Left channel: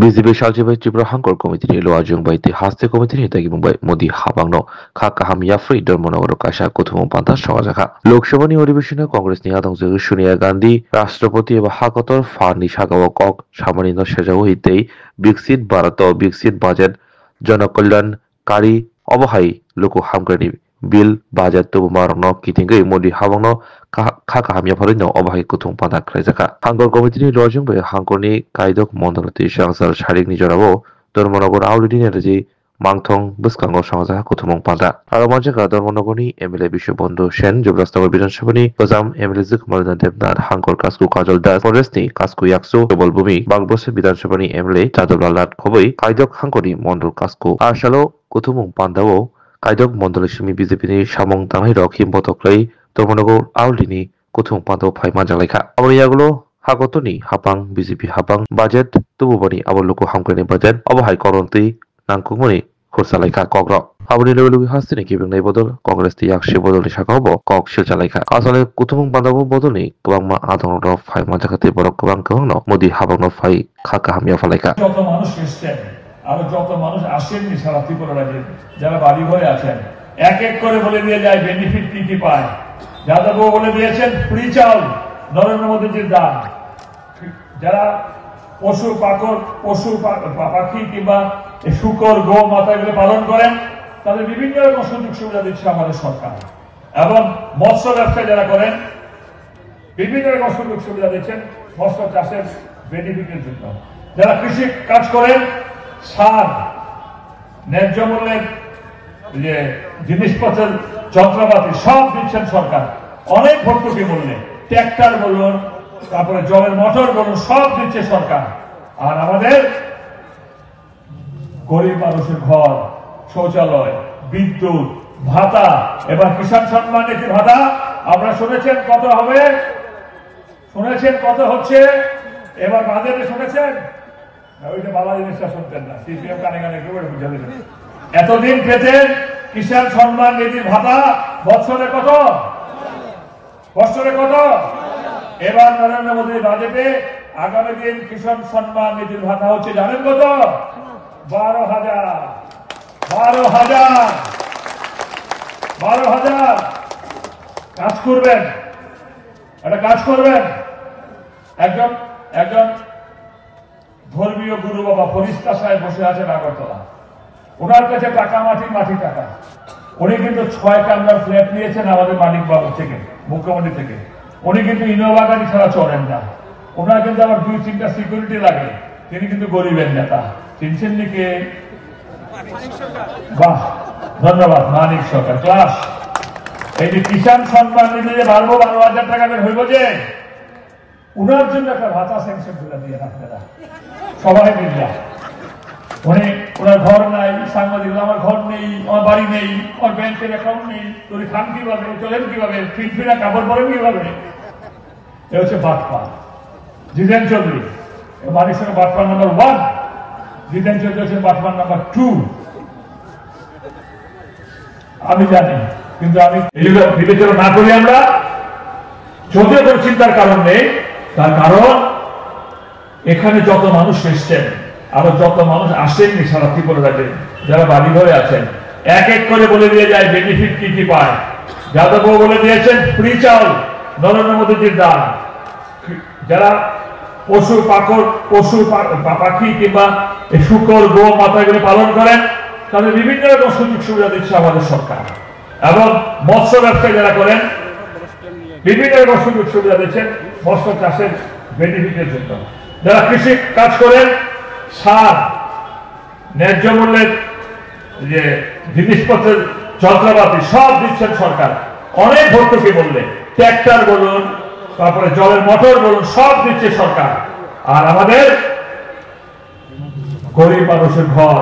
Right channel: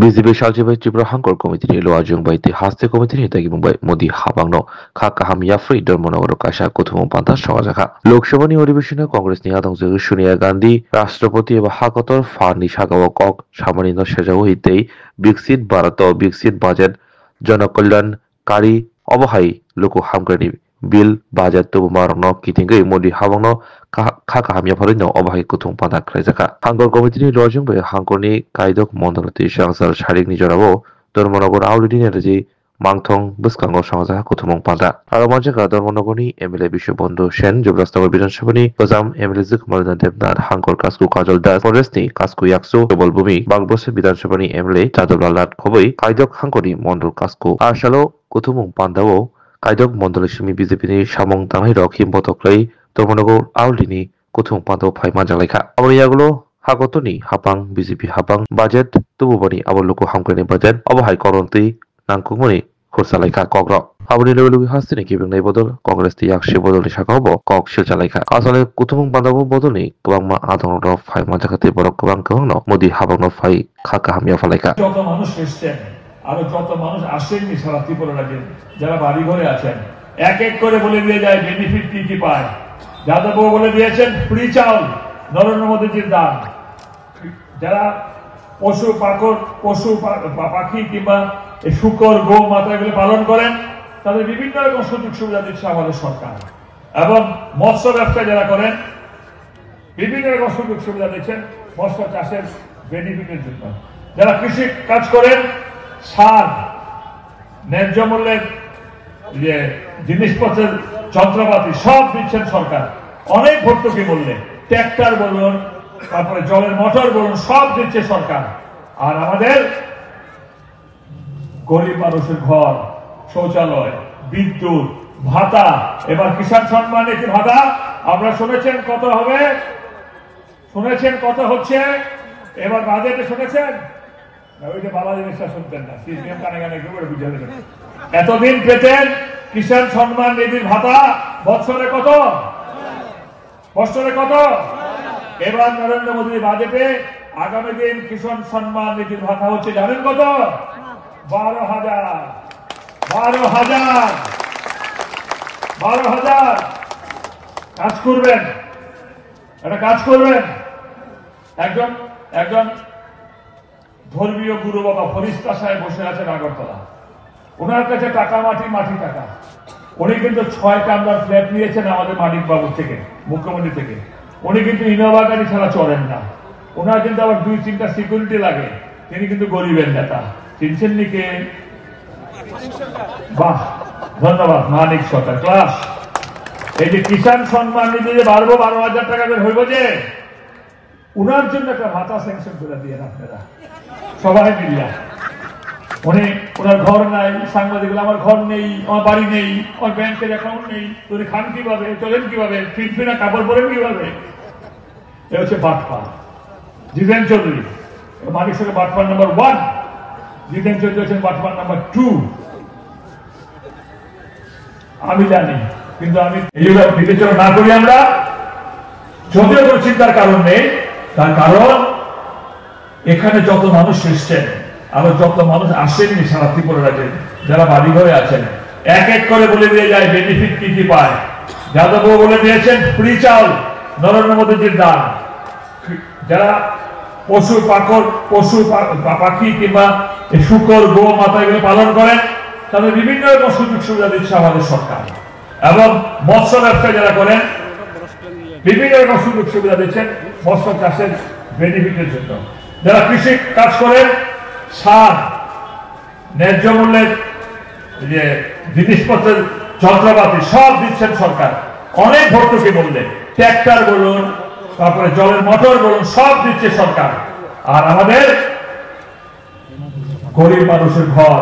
BJP Saljibai Tripura Hangkor Committee ni Loa Jungbai Ti Haste Committee ni Tagi Mumbai Modi Habangno Kha Kaham Yafri Dormonogoro Kasha Kuthumong Panta Sawajaka Lok Sabha ni Adhibeshone Congress ni Adongjogo Sonia Gandhi Rashtrapati eba Hakotor Fani Sagao Kok Samani no Sajao Hitei Biksit Bharato Biksit Budget Janakalyankari Obahai Loko Hamkrani Bill Budget tu Marno Kitingai Modi Habangno Kha Kaham Yafri no Obahai Kuthumong Panta Krajaka Hangkor Committee ni Loa Jungbai Hangkor ni Kaidok Mondolati Shangsar Sharik ni Jorabo Dormonogor Aulidi Energy Mangthong Buskango Samaja Kuthumong Panta Aromajaka Dormonogoni MLA Bishobondu Shen Jubrastago Bidanshabani Gozam MLA Zukmardan Devnath Hangkor Kasku Kajol Das Forestni Kasku Yaksu Dobol Bumi Bangbose Bidanshabani MLA Chadolalat Khoboi Kaidok Hangkori Mondol Kasku Arshalo Kuthumong Pandao Kaidok Mondolishimi BJP ni Samong Tangai Rokim Botoklai Dormonogor Aulini Kuthumong Pando Phaima Jalaika Abriyagulo Hagotoni Hapang BJP Hapang Budget Tububani Aboloko Hamkrani Budget Obahai Koronti Nangkungmoni Kursalaika Kogro Aboni Lulu Hastini giving Bodol Congress the Yakshi Bodol Shakabo Kok Shilchalaika Asale Kutumung Bandabu Bodoni Kwangma Adon of Fai Majakati Borok Kwangkono Modi Habang of Fai Kaka Hamia Falaka যত মানুষ এসেছেন আর যত মানুষ আসেননি সারা ত্রিপুরা রাজ্যে যারা বাড়ি ঘরে আছেন এক এক করে বলে দিয়ে যায় বেনিফিট কি কি পায় যাদববাবু বলে দিয়েছেন ফ্রি চাউল নরেন্দ্র মোদীজির দান যারা পশু পাখি কিংবা শুকর গো মাতা এগুলো পালন করেন তাদের বিভিন্ন রকম সুযোগ সুবিধা দিচ্ছে আমাদের সরকার এবং মৎস্য ব্যবসা যারা করেন বিভিন্ন রকম সুযোগ সুবিধা দিচ্ছেন মৎস্য চাষের বেনিফিটের জন্য যারা কৃষি কাজ করেন সার ন্যায্য মূল্যের যে জিনিসপত্রের যন্ত্রপাতি সব দিচ্ছেন সরকার অনেক ভর্তুকি মূল্যে ট্র্যাক্টর বলুন তারপরে জলের মোটর বলুন সব দিচ্ছে সরকার আর আমাদের গরিব মানুষের ঘর শৌচালয় বিদ্যুৎ ভাতা এবার কিষাণ সম্মান নিধি ভাতা আপনারা শুনেছেন কত হবে শুনেছেন কত হচ্ছে এবার বাজেটে শুনেছেন ওইটা বাবা জিনিসটা শুনতেন না সিপিএম কানে কানে একেবারে বুঝে নেবেন এতদিন পেতেন কিষাণ সম্মান নিধির ভাতা বছরে কত এবার নরেন্দ্র মোদীর বাজেটে আগামী দিন কিষাণ সম্মান নিধির ভাতা হচ্ছে জানেন কত 12,000 কাজ করবেন একটা কাজ করবেন একজন ধর্মীয় গুরু বাবা ফরিস্তা সাহেব বসে আছেন আগরতলা ওনার কাছে টাকা মাটি টাকা উনি কিন্তু 6 কামরার ফ্ল্যাট নিয়েছেন আমাদের মানিক বাবু থেকে মুখ্যমন্ত্রী থেকে উনি কিন্তু ইনোভা গাড়ি ছাড়া চড়েন না ওনার কিন্তু আবার 2-3টা সিকিউরিটি লাগে তিনি কিন্তু গরিবের নেতা চিনছেন নি কে বাহ ধন্যবাদ মানিক সরকার ক্লাস এই যে কিষাণ সম্মান নিধি যে 12,000 টাকা বের হইব যে উনার জন্য একটা ভাতা স্যাংশন করে দিয়ে আপনারা সবাই মিলিয়া উনি ওনার ঘর নাই সাংবাদিক আমার ঘর নেই আমার বাড়ি নেই আমার ব্যাংকের অ্যাকাউন্ট নেই তুমি খান কিভাবে চলেন কিভাবে ফিটফিনা কাপড় পরেন কিভাবে এ হচ্ছে বাটপা জিতেন চৌধুরী মানিক সরকার বাটপা নাম্বার 1 জিতেন চৌধুরী হচ্ছেন বাটপা নাম্বার 2 আমি জানি কিন্তু আমি এইগুলো বিবেচনা না করি আমরা যদিও কোনো চিন্তার কারণ নেই তার কারণ এখানে যত মানুষ এসছেন আরো যত মানুষ আসেননি সারা ত্রিপুরা রাজ্যে যারা বাড়ি ঘরে আছেন এক এক করে বলে দিয়ে যায় বেনিফিট কি কি পায় যাদববাবু বলে দিয়েছেন ফ্রি চাউল নরেন্দ্র মোদীজির দান যারা পশু পাখি কিংবা শুকর গো মাতা এগুলো পালন করেন তাদের বিভিন্ন রকম সুযোগ সুবিধা দিচ্ছে আমাদের সরকার এবং মৎস্য ব্যবসা যারা করেন বিভিন্ন রকম সুযোগ সুবিধা দিচ্ছেন মৎস্য চাষের বেনিফিটের জন্য যারা কৃষি কাজ করেন সার ন্যায্য মূল্যের যে জিনিসপত্রের যন্ত্রপাতি সব দিচ্ছেন সরকার অনেক ভর্তুকি মূল্যে ট্র্যাক্টর বলুন তারপরে জলের মোটর বলুন সব দিচ্ছে সরকার আর আমাদের গরিব মানুষের ঘর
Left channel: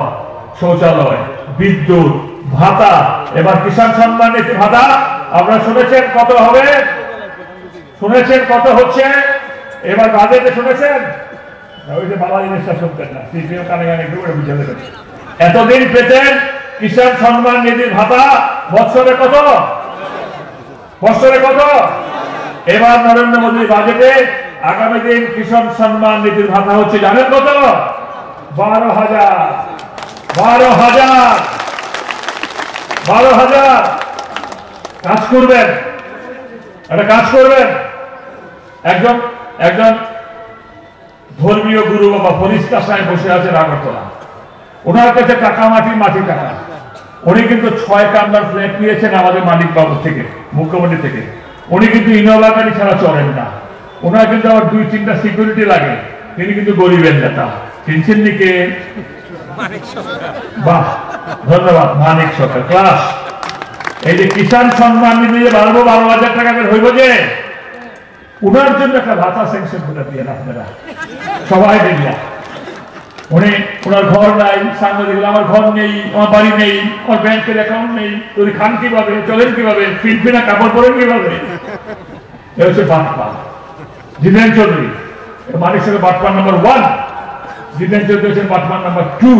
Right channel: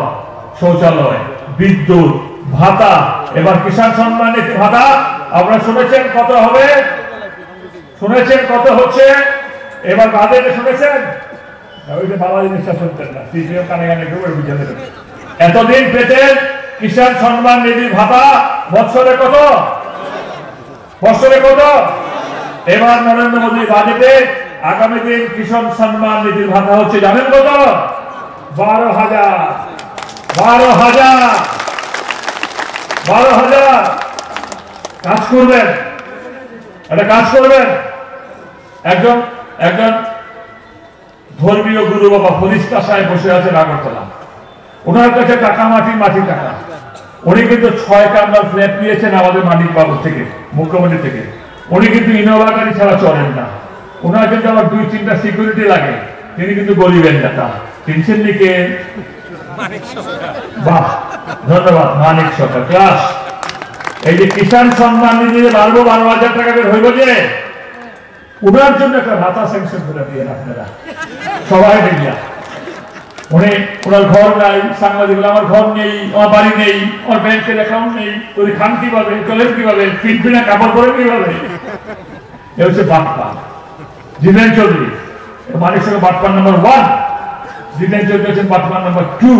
শৌচালয় বিদ্যুৎ ভাতা এবার কিষাণ সম্মান নিধি ভাতা আপনারা শুনেছেন কত হবে শুনেছেন কত হচ্ছে এবার বাজেটে শুনেছেন ওইটা বাবা জিনিসটা শুনতেন না সিপিএম কানে কানে একেবারে বুঝে নেবেন এতদিন পেতেন কিষাণ সম্মান নিধির ভাতা বছরে কত এবার নরেন্দ্র মোদীর বাজেটে আগামী দিন কিষাণ সম্মান নিধির ভাতা হচ্ছে জানেন কত 12,000 কাজ করবেন, একটা কাজ করবেন। একজন ধর্মীয় গুরু বাবা ফরিস্তা সাহেব বসে আছেন আগরতলা, ওনার কাছে টাকা মাটি টাকা। উনি কিন্তু 6 কামরার ফ্ল্যাট নিয়েছেন আমাদের মানিক বাবু থেকে, মুখ্যমন্ত্রী থেকে। উনি কিন্তু ইনোভা গাড়ি ছাড়া চলেন না। ওনার কিন্তু আবার 2-3টা সিকিউরিটি লাগে। তিনি কিন্তু গরিবের নেতা। কিনছেন নিকে বাহ, ধন্যবাদ মানিক সরকার ক্লাস। এই যে কিষাণ সম্মান নিধি 12,000 টাকা হইব যে, ওনার জন্য একটা ভাতা স্যাংশন করে দিয়ে আপনারা সবাই মিলিয়া। উনি ওনার ঘর নাই, সাংবাদিক আমার ঘর নেই, আমার বাড়ি নেই, আমার ব্যাংকের অ্যাকাউন্ট নেই, তুই খান কিভাবে, চলেন কিভাবে, ফিনফিনা কাপড় পরেন কিভাবে? এ হচ্ছে বাপ্পা জিতেন চৌধুরী। মানিক সঙ্গে বাপ্পা নাম্বার 1, জিতেন চৌধুরী হচ্ছেন বাপ্পা নাম্বার 2।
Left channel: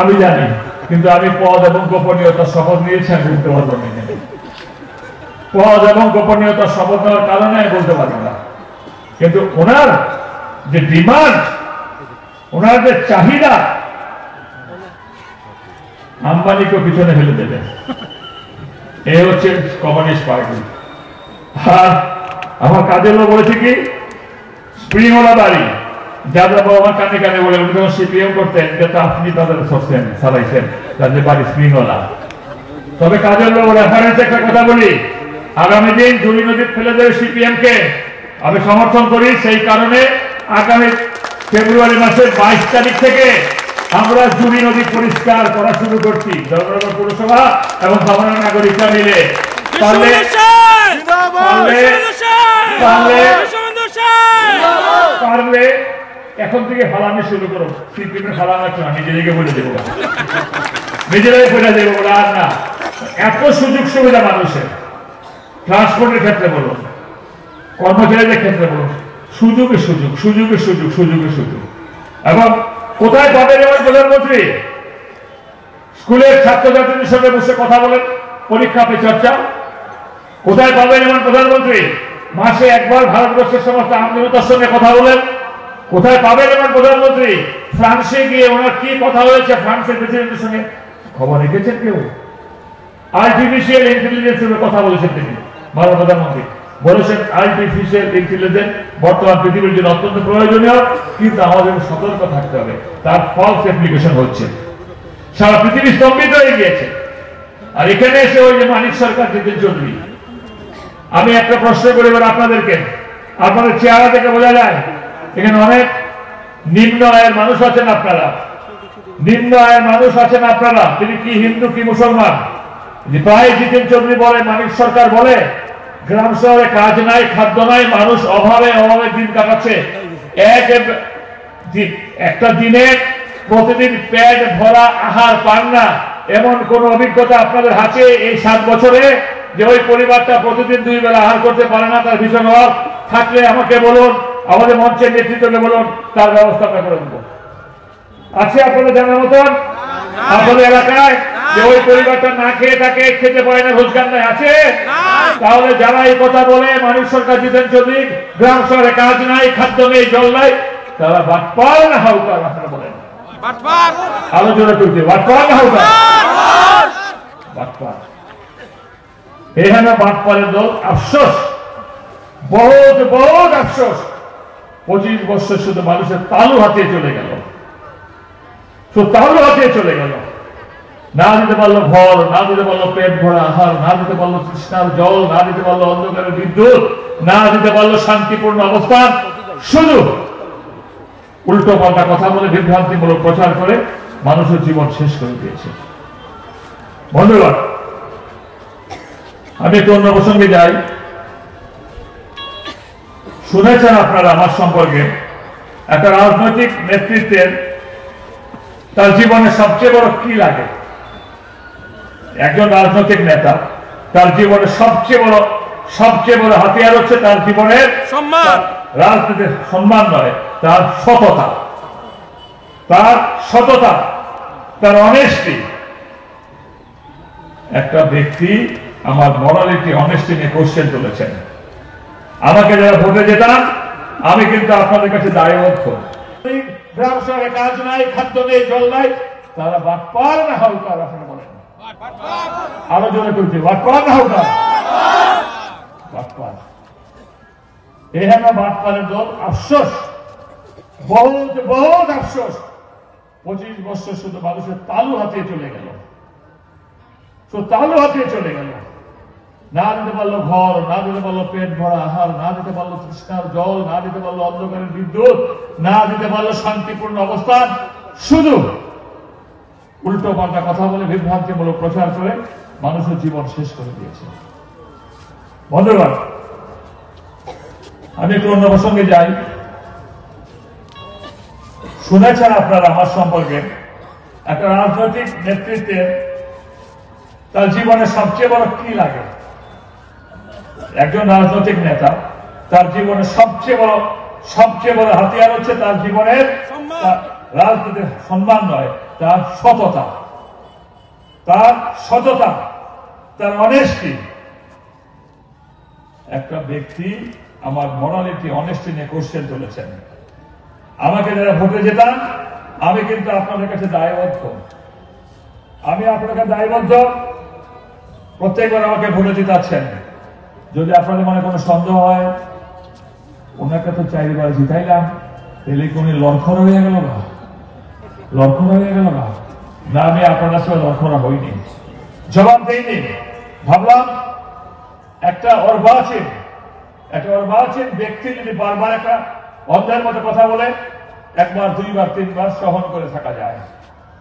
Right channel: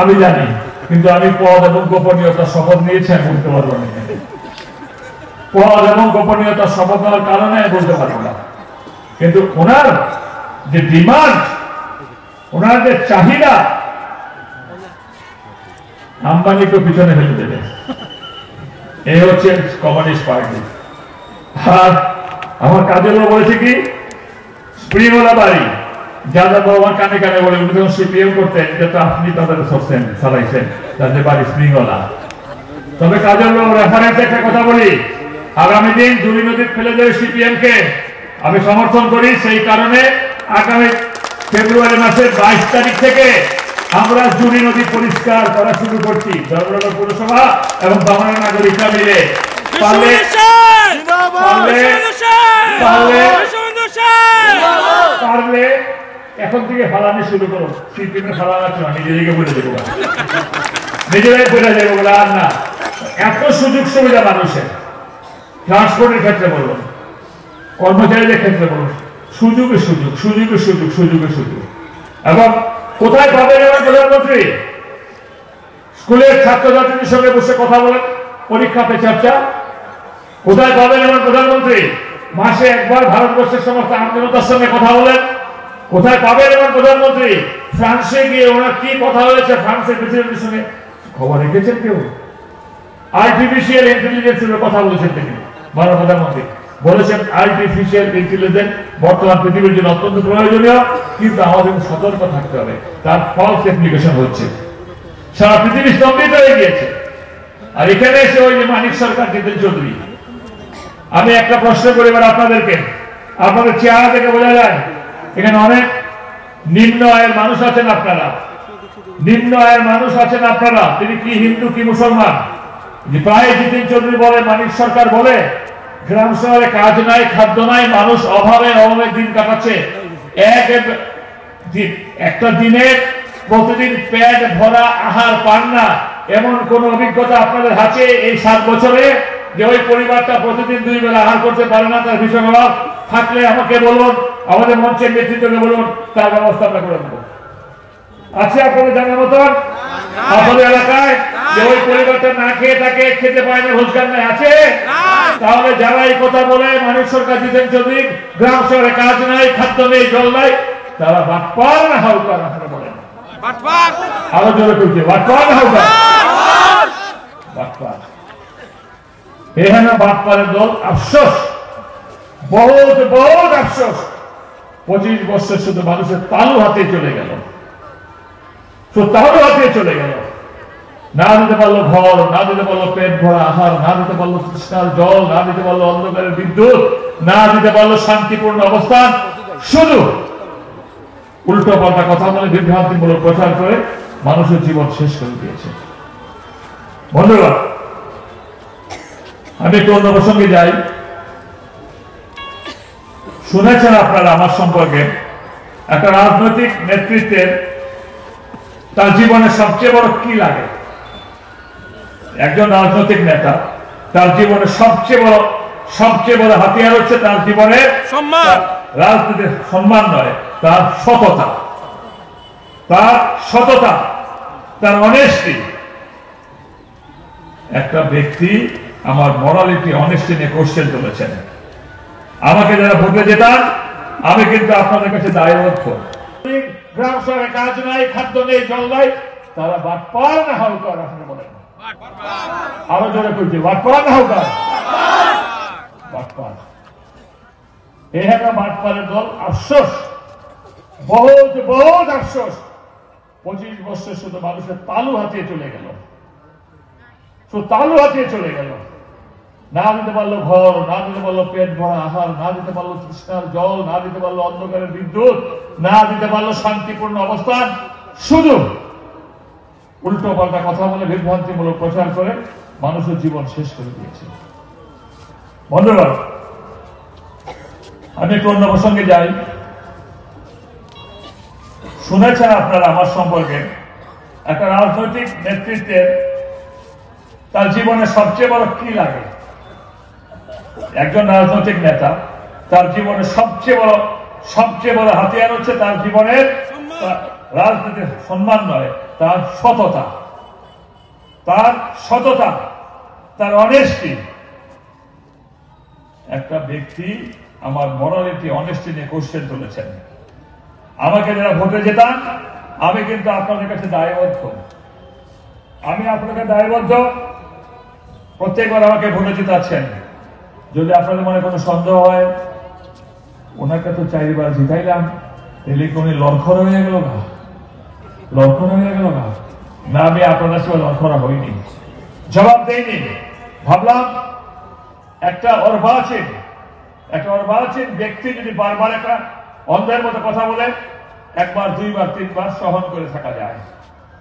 আমি জানি, কিন্তু আমি পদ এবং গোপনীয়তা শপথ নিয়েছি, আমি বলতে পারবো না। পদ এবং গোপনীয়তা শপথ নেওয়ার কারণে বলতে পারি না। কিন্তু ওনার যে ডিমান্ড, ওনার যে চাহিদা, আম্বানিকে পিছনে ফেলে দেবে। এ হচ্ছে কমিউনিস্ট পার্টি। আর আমার কাজের লোক বলেছে কি, স্প্রিংওয়ালা বাড়ি যাদব আমার কানে কানে বলে, উনি যখন সিপিএম করতেন, যেটা আপনি তাদের সরছেন চালাইছেন, তাদের বাড়ি স্প্রিংওয়ালা। তবে কাজের লোক রেফারেন্স একটা কথা বলি, আগামী দিন জুড়ি নদী ফেলে দেবে সিপিএম কে আমি সমর্থন করি। সেই কারণে আগামী ফেব্রুয়ারি মাসের 22 তারিখ থেকে আমরা জুড়ি নদী পরিষ্কার করা শুরু করছি, ধর্মনগর পৌরসভা এবং বাংলা নাগরিকরা মিলে। পারলে এখন থেকে ফালানো শুরু করো। সিপিএম ফালানো না, নিজেদেরকে বলে দেবো, নিজেরাই বলে দেবো বলে। আর না, এত সুযোগ সুবিধা মানুষের, ট্রান্সপোর্টের ক্ষেত্রে বলো, কর্মচারীদের ক্ষেত্রে বলো, সুযোগে সুযোগ, সুযোগে সুযোগ, সুযোগে সুযোগ। এবং কোথায় পাবেন আমার প্রধানমন্ত্রী? স্কুলের ছাত্রছাত্রীদের সঙ্গে বসে কথা বলেন, পরীক্ষা পে চর্চা। কোথায় পাবেন এমন প্রধানমন্ত্রী? মাসে একবার ভারতবর্ষের সমস্ত আন্দোলনের সঙ্গে কথা বলেন। কোথায় পাবেন এমন প্রধানমন্ত্রী? ফ্রান্সে গিয়ে ওনার কি কথা হয়েছে ফ্রান্সের প্রেসিডেন্টের সঙ্গে খবর রেখেছেন কেউ? আর্টিফিশিয়াল ইন্টেলিজেন্সের কথা বলেছেন তিনি, ভারত প্রধানমন্ত্রী বলেছেন আর্টিফিশিয়াল ইন্টেলিজেন্স বর্তমান পৃথিবীর জন্য অত্যন্ত প্রয়োজনীয়, কিন্তু আমাদের সতর্ক থাকতে হবে, তার ফলস অ্যাপ্লিকেশন হচ্ছে, সারা পৃথিবী স্তম্ভিত হয়ে গিয়েছে। আর এখানে এসে ওই যে মানিক সরকার জিতেন চৌধুরী, আমি একটা প্রশ্ন করি এবার আপনাদেরকে, আপনাদের চেহারা থেকে বোঝা যায় এখানে অনেক নিম্ন আয়ের মানুষ আছেন আপনারা, নিম্ন আয়ের মানুষ আছেন আপনারা। তিনি কি হিন্দু কি মুসলমান? প্রায় জিতেন চৌধুরী বলে, মানিক সরকার বলে, গ্রাম শহরে কাজ নাই, খাদ্য নাই, মানুষ অভাবে অভাবে দিন কাটাচ্ছে। একটা দিনের প্রতিদিন পেট ভরা আহার পান না, এমন কোন অভিজ্ঞতা আপনাদের আছে এই 7 বছরে যে ওই পরিবারটা প্রতিদিন 2 বেলা আহার করতে পারে না? তার ভীষণ অভাব থাকলে আমাকে বলুন, আমাদের মঞ্চের নেতৃত্বকে বলুন, তার ব্যবস্থা আমরা করে দেবো। আছে আপনাদের জানার মতন আপনাদের এলাকায় যে ওই পরিবারটা না খেয়ে থাকে, খেতে পারে না, রোজগার নাই, আছে? তাহলে যারা এই কথা বলে মানিক সরকার জিতেন চৌধুরী গ্রাম শহরে কাজ নাই, খাদ্য নেই, জল নাই, তারা বাটপার না হাউকার? আপনারা বলেন আরো জোরে করছে, বাটপার না হাউকার? বাটপার। এখানে বাটপারের দল। আফসোস, বহুত বহুত আফসোস, 25 বছর শুধু মানুষের তালু হাতে চলে গেল, তাহলে হাতে চলে গেল। না দিতে পারলো ঘর, না দিতে পারলো পেট ভরা আহার, না দিতে পারলো তৃষ্ণার জল, না দিতে পারলো অন্ধকারের বিদ্যুৎ, না দিতে পারলো শান্তিপূর্ণ অবস্থান, শুধু উল্টো পাল্টা কথা বলে বিভ্রান্তিমূলক প্রচার করে মানুষের জীবন শেষ করে দিয়েছে। বন্ধুরা, আমি একটু অন্য প্রসঙ্গে যাই। শুনেছেন আপনারা আমার সম্পর্কে, একটা রাজনৈতিক নেতৃত্বের তার জীবনে সবচেয়ে বড় কি লাগে? একজন রাজনৈতিক নেতা তার জীবনে সবচেয়ে বড় হাতিয়ার হচ্ছে তার জীবনের সম্মান। রাজনীতির সম্মান নয়, তার সততা, তার অনেস্টি। একটা ব্যক্তি আমার মরালিটি অনেস্টি নিয়ে কোশ্চেন তুলেছেন। আমাকে যারা ভোটে যেতাম আমি কিন্তু আপনাদের কাছে দায়বদ্ধ। গ্রাম শহরে কাজ নাই, খাদ্য নেই, জল নাই, তারা বাটপার না হাউকার? আপনি বলেন আরো জোরে করছি, বাটপার না হাউকার? বাটপার। এই আমরা বাটপারের দল। আফসোস, বহুত বহুত আফসোস, 25 বছর শুধু মানুষের তালু হাতিয়ে চলে গেল, শুধু তালু হাতিয়ে চলে গেল। না দিতে পারলো ঘর, না দিতে পারলো পেট ভরা আহার, না দিতে পারলো তৃষ্ণার জল, না দিতে পারলো অন্ধকারের বিদ্যুৎ, না দিতে পারলো শান্তিপূর্ণ অবস্থান, শুধু উল্টো পাল্টা কথা বলে বিভ্রান্তিমূলক প্রচার করে মানুষের জীবন শেষ করে দিয়েছে। বন্ধুগণ, আমি একটু অন্য প্রসঙ্গে যাই। শুনেছেন আপনারা আমার সম্পর্কে, একটা রাজনৈতিক নেতৃত্বের তার জীবনে সবচেয়ে বড় কি লাগে? একজন রাজনৈতিক নেতা তার জীবনে সবচেয়ে বড় হাতিয়ার হচ্ছে তার জীবনের রাজনীতির সম্মান নয়, তার সততা, তার অনেস্টি। একটা ব্যক্তি আমার মরালিটি, অনেস্টি নিয়ে কোশ্চেন তুলেছেন। আমাকে যারা ভোটে যেতাম, আমি কিন্তু আপনাদের কাছে দায়বদ্ধ। প্রত্যেকবার আমাকে ভোটে জিতাচ্ছেন। যদি আপনাদের মনে কোনো সন্দেহ হয়, ওনাকে তো 4 বার জিতাইলাম, তাহলে কোন লক্ষণ হয়ে গেল না? না, আমি আপনাদের সাথে লক্ষণ হইনি, জবাব দেইনি। ভাবলাম একটা অর্বাচীন ব্যক্তি যদি বারবার একটা অন্ধের মতো কথা বলে, 1 বার 2 বার 3 বার সহন করে থাকা যায়,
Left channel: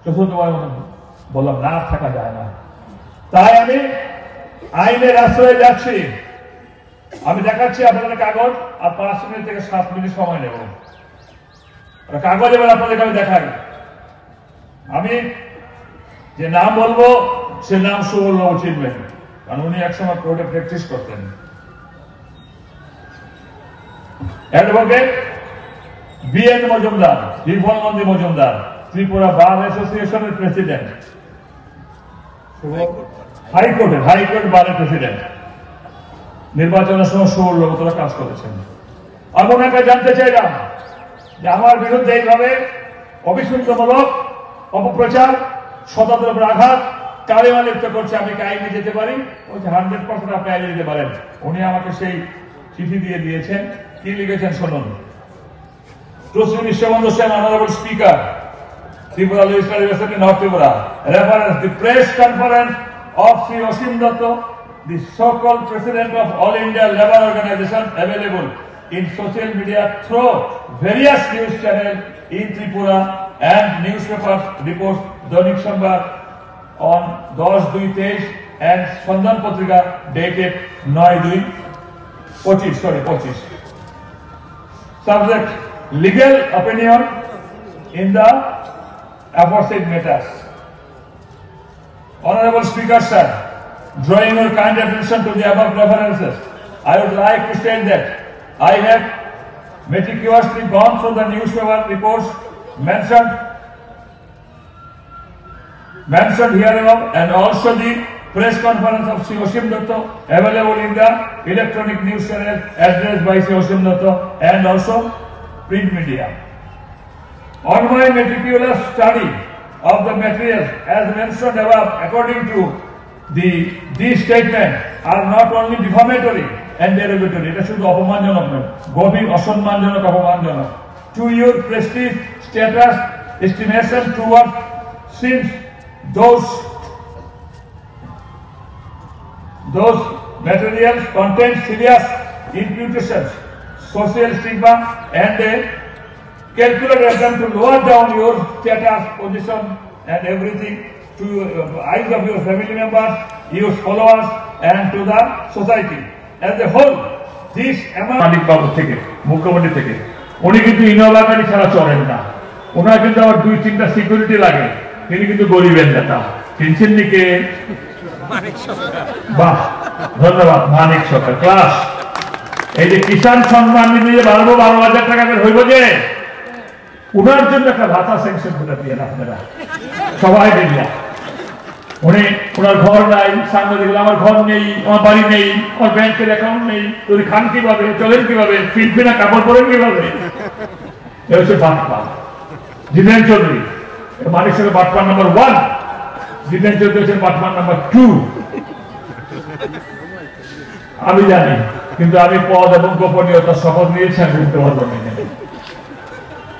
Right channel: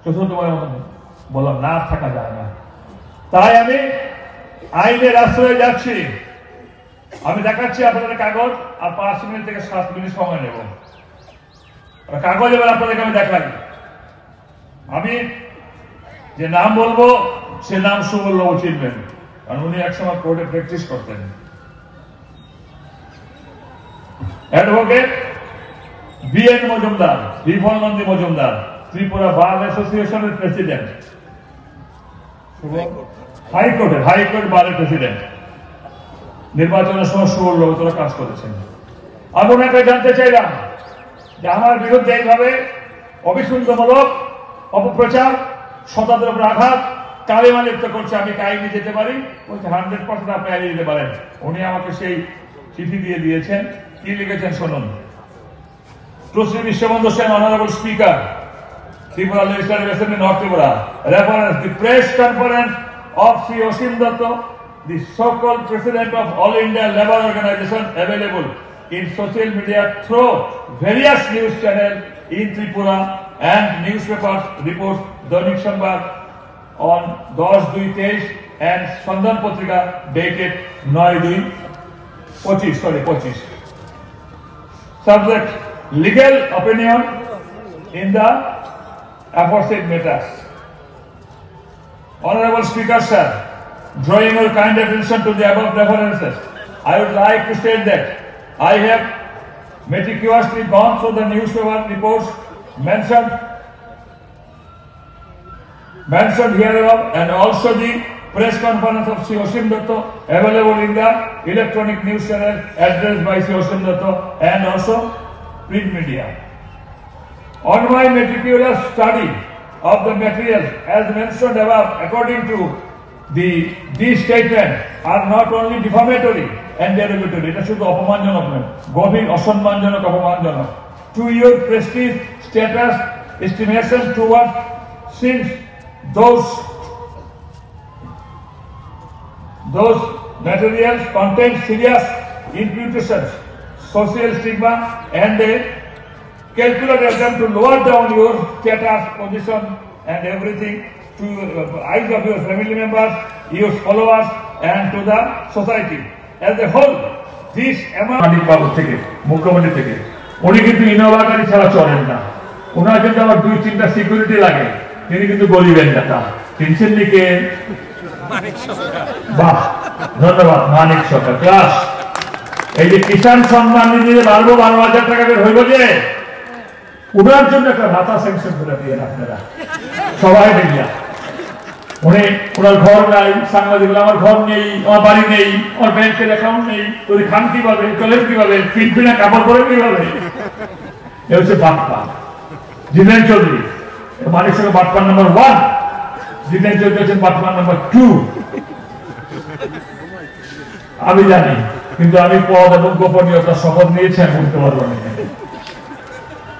চতুর্থবার বললাম না, থাকা যায় না। তাই আমি আইনের আশ্রয়ে যাচ্ছি। আমি দেখাচ্ছি আপনাদের কাগজ, আর 5 মিনিট থেকে 7 মিনিট সময় নেব। কাগজ এবার আপনাদেরকে আমি দেখাই। আমি যে নাম বলবো সে নাম সুবল চিনবেন, কারণ উনি একসময় কোর্টে প্র্যাকটিস করতেন। অ্যাডভোকেট বিএন মজুমদার, বিফল নন্দী মজুমদার, ত্রিপুরা বার অ্যাসোসিয়েশনের প্রেসিডেন্ট, হাইকোর্ট বারের প্রেসিডেন্ট। নির্বাচনের সময় সুবল কাজ করেছেন। আমি ওনাকে জানতে চাইলাম যে আমার বিরুদ্ধে এইভাবে অবিশুদ্ধমূলক অপপ্রচার, শতাব্দীর উপর আঘাত, কালেমা লিপ্ত করছে, আমি কি আইনে যেতে পারি? 100% আপনি আইনে যেতে পারেন। উনি আমাকে সেই চিঠি দিয়ে দিয়েছেন। কি লিখেছেন শুনুন। To Shri Biswabandhu Sen, honourable speaker, Tripura Legislative Assembly, North Tripura, reference the press conference of Sri Osim Datta, the so-called president of All India Labour Organization, available in social media through various news channels in Tripura and newspapers reports Dainik Samvad on 10/2/23 and Sandan Patrika dated 9/2/25. Subject: legal opinion in the aforesaid matters. Honorable Speaker sir, drawing your kind attention to the above references, I would like to state that I have meticulously gone through the newspaper reports mentioned hereabove, and also the press conference of Sri Osim Datta available in the electronic news channel addressed by Sri Osim Datta and also print media. On my meticulous study of the materials as mentioned above, according to these statements are not only defamatory and derogatory, এটা শুধু অপমানজনক নয়, গভীর অসম্মানজনক, অপমানজনক to your prestige, status, estimation towards, since those materials contain serious imputations, social stigma, and a calculated attempt to lower down your status, position, and everything to eyes of your family members, your followers, and to the society as a whole. This amount বাবু থেকে, মুখ্যমন্ত্রী থেকে, উনি কিন্তু Innova গাড়ি ছাড়া চলেন না। ওনার কিন্তু আবার 2-3টা সিকিউরিটি লাগে। তিনি কিন্তু গরিবের নেতা। কিনছেন দিকে বাহ, ধন্যবাদ মানিক সরকার। ক্লাস এই যে কিষাণ সম্মান নিধি 12,000 টাকা করে হইল, যে ওনার জন্য একটা ভাতা স্যাংশন করে দিয়ে আপনারা সবাই মিলিয়া উনি ওনার ঘর নাই, সাংবাদিক আমার ঘর নেই, আমার বাড়ি নেই, আমার ব্যাংকের অ্যাকাউন্ট নেই, তুই খান কিভাবে, চলেন কিভাবে, ফিনফিনা কাপড় পরেন কিভাবে? এ হচ্ছে বাপ্পা জিতেন চৌধুরী। মালিক সঙ্গে বাপ্পা নাম্বার 1, জিতেন চৌধুরী হচ্ছেন বাপ্পা নাম্বার 2। আমি জানি, কিন্তু আমি পদ এবং গোপনীয়তার শপথ নিয়েছি, আমি বলতে পারবো না।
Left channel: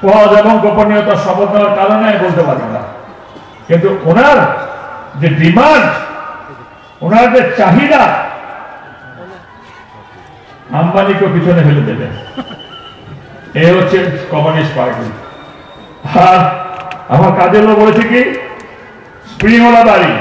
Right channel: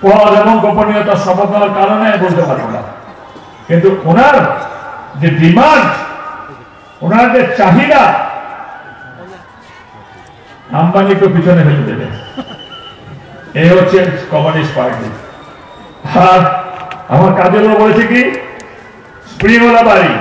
পদ এবং গোপনীয়তার শপথ নেওয়ার কারণে আমি বলতে পারি না, কিন্তু ওনার যে ডিমান্ড, ওনার যে চাহিদা, আম্বানিকে পিছনে ফেলে দেবে। এ হচ্ছে কমিউনিস্ট পার্টি। আর আমার কাজের লোক বলেছে কি, স্প্রিংওয়ালা বাড়ি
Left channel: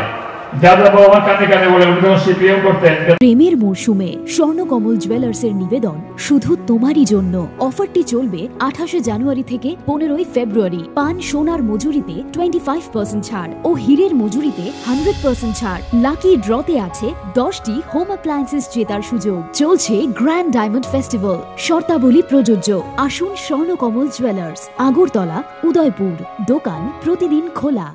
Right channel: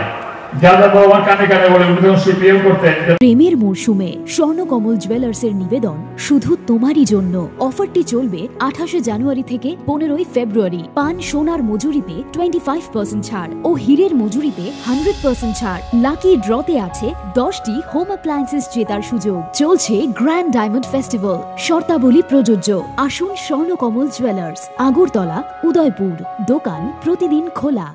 প্রেমের মরশুমে স্বর্ণকমল জুয়েলার্সের নিবেদন শুধু তোমারই জন্য। অফারটি চলবে 28 জানুয়ারি থেকে 15 ফেব্রুয়ারি। পান সোনার মজুরিতে 25% ছাড় ও হীরের মজুরিতে 100% ছাড়। লাকি ড্রতে আছে 10টি হোম অ্যাপ্লায়েন্সেস জেতার সুযোগ। চলছে গ্র্যান্ড ডায়মন্ড ফেস্টিভ্যাল, শর্তাবলী প্রযোজ্য। আসুন স্বর্ণকমল জুয়েলার্স, আগরতলা, উদয়পুর। দোকান প্রতিদিন খোলা।